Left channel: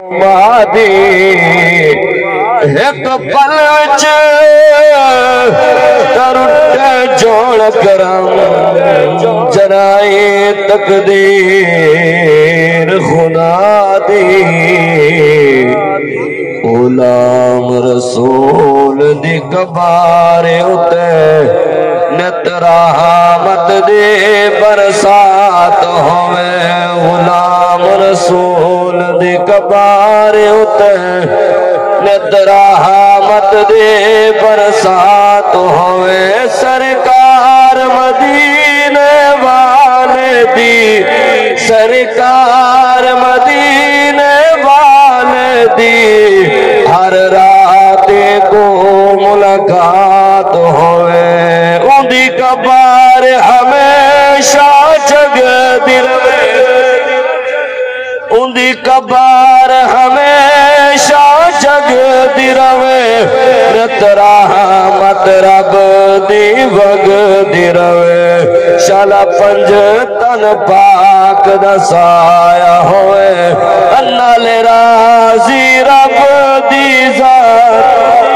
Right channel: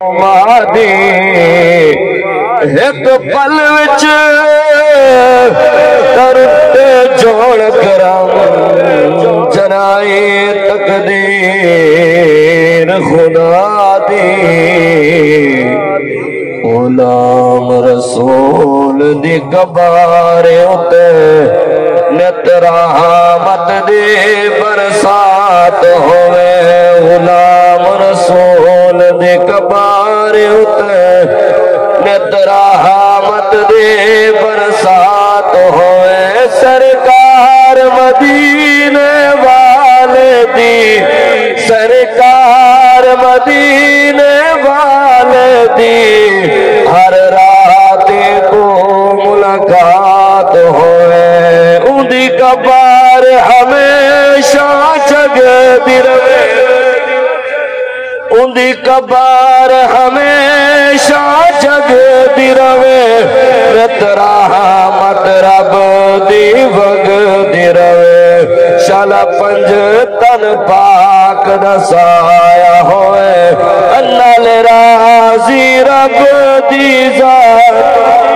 मादी एक पल तरते जोड़ करम जनाए तकदीर खुदा दी गुलाम रसूल दी कबारे उते नित रहमत दी बरसात होवे। गुलाम रसूल दी कबारे उते नित रहमत दी बरसात होवे। सरकार मदीने वाले दी, सरकार मदीने वाले दी हर रात को मुलाकात होए। उदी कबार हमेशा जगदी रहे, उदी कबार हमेशा जगदी रवे। रत रहमत रब दी वगदी रवे। शाला पंज तन पाक दसाया होए। अन्नाले राजी रब दी जात